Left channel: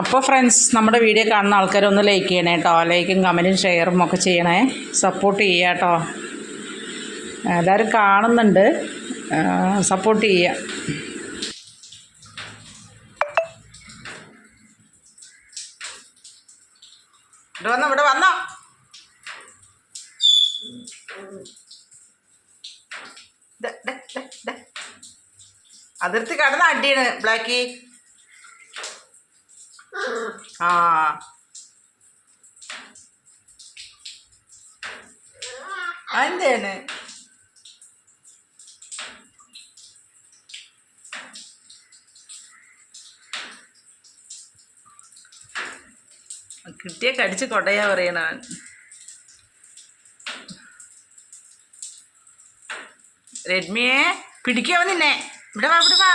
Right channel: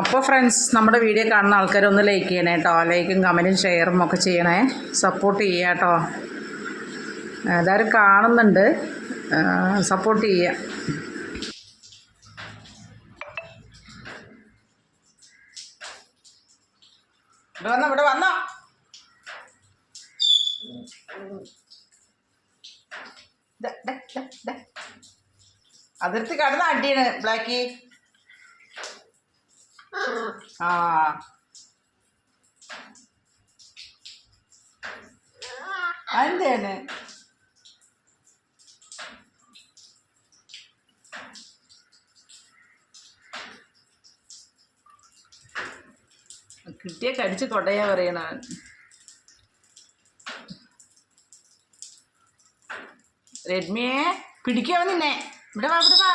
അപ്പോൾ ഫ്രണ്ട്സ്, നമ്മുടെ വീഡിയോ കാണുന്ന ആൾക്കാരൊന്ന് ലൈക്ക് ചെയ്യണേ കേട്ടോ. ലൈക്കും കമൻറ്റും ഷെയറും ഒക്കെ ചെയ്യണേ, സപ്പോർട്ട് ചെയ്യുക കേട്ടോ. എല്ലാവരും കാണുന്നുണ്ട്, സപ്പോർട്ട് ചെയ്യുക. ഇവിടെ വന്നോ അതിർത്തി കടന്ന അടിയാണ് ബ്ലാക്കി. ആ എന്താണ് കിട്ടിയ കടിച്ച് കൊടയാ പറയണ. റെഡ്മിയെ പിടിക്കാവോ നിന്നെ? ഇവിടെ വാ, ഇവിടെ വാ.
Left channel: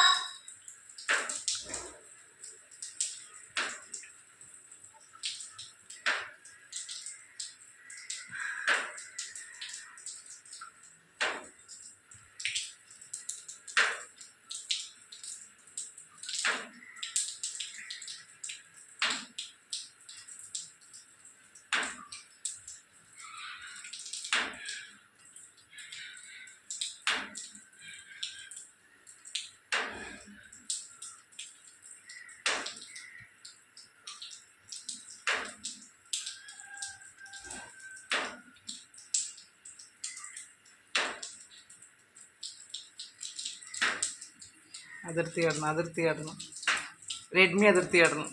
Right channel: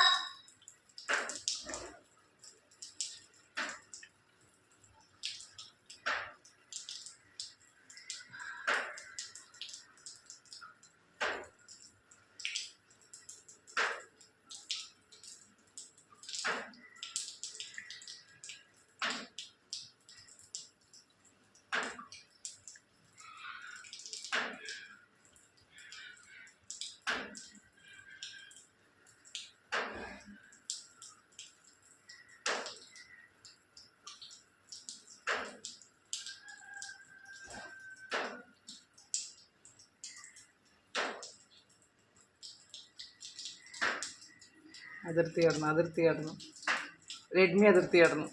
അതിർത്തി കടന്നു റെഡ്മി അതിർത്തി കടന്നു.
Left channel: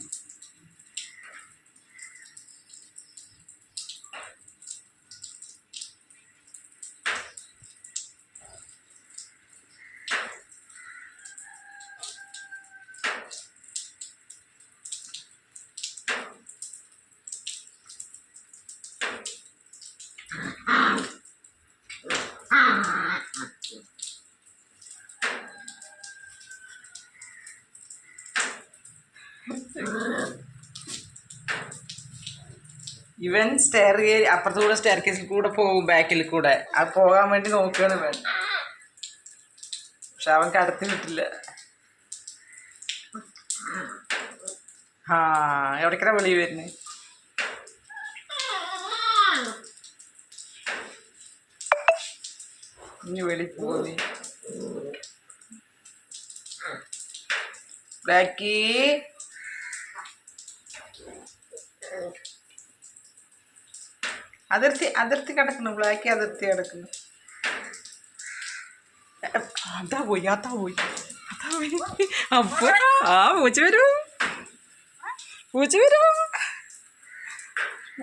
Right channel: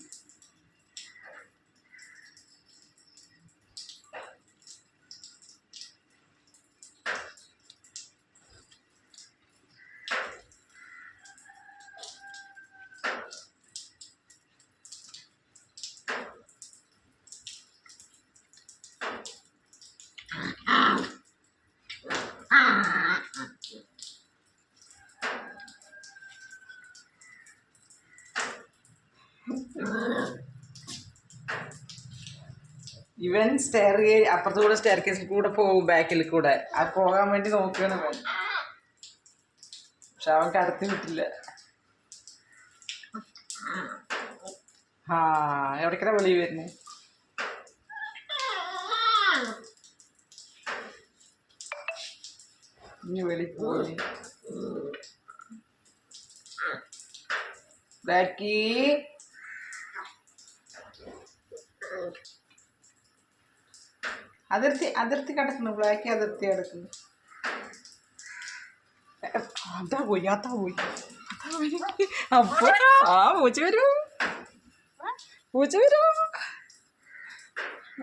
ഇവൻ അപ്പുറത്തുകൂടെ സ്റ്റെയർ കേസിൽ കൂടെ പോകും, ബാക്കിൽ കൂടെ. അത് പോകാൻ വേണ്ടി നോക്കുകയാണ് ഇവൻ, പക്ഷെ അവൻ കടത്തി വിട്ടില്ല. എവിടേക്കാ വെളി വരുന്നേ? ഇനി വെളി പോയി ബ്ലാക്കി. അതിർത്തി കിടക്കുന്നു ബ്ലാക്കി, അതിർത്തി കിടക്കുന്നു. അതാ പോയി. അപ്പൊ പൂച്ച വരും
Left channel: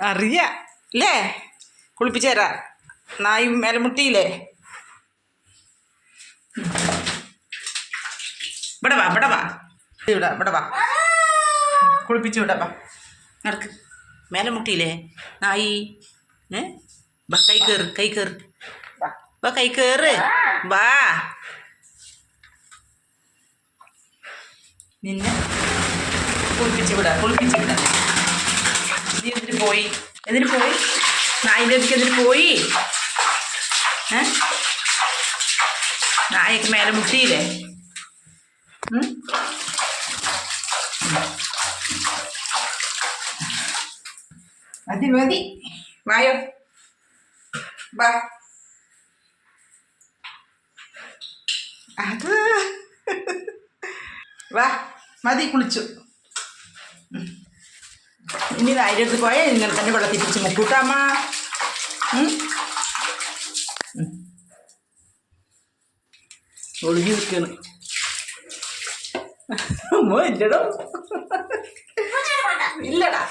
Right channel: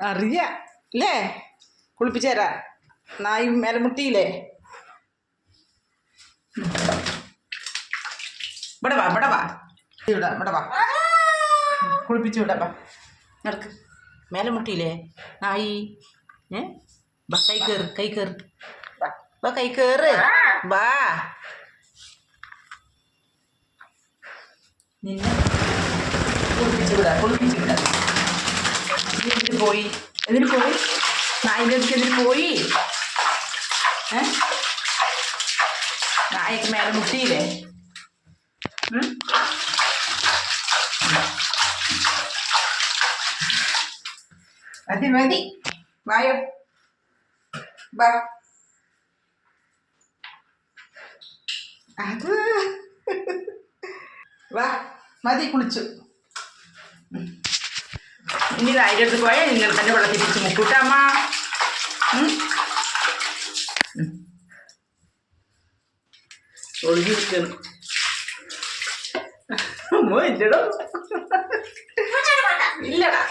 അറിയല്ലേ? കുളിപ്പിച്ചു തരാ. നായും മേലമുട്ടിയില്ലേ? ഇവിടെ വാ കുളിപ്പിച്ചു വിടാ. നടക്ക്. മേലമുട്ടിയില്ലേ നായി? വാ, കൈ കയറ് വാ. നിന്നെ കുളിപ്പിച്ചു വിടാ. എന്തിനു പോയി? നായിൻ്റെ അടുത്തേക്ക് എന്തിനു പോയി? നായക്ക് മേലെ മുട്ടിയില്ലേ? മതി വായോ, വാ. അത് വാ, മതി കുളിച്ചു. ഇനി അതിൻ്റെ അടുത്ത് പോയാൽ നിങ്ങൾ തന്നെ വെള്ളത്തിൽ പിടിച്ച് മുക്കൂട്ടമ്മ. ഒഴുകി വിൽക്കണം. അമ്മ ഇല്ലടോ, ഇല്ലടാ.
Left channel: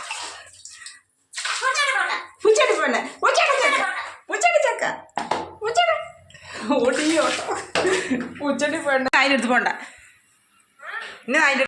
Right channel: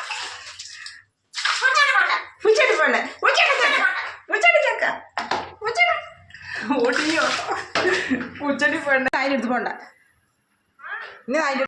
പൂച്ചടി പെണ്ണ അതിൻ്റെ അടുത്ത് പോണ്ട. ഇനി അതിൻ്റെ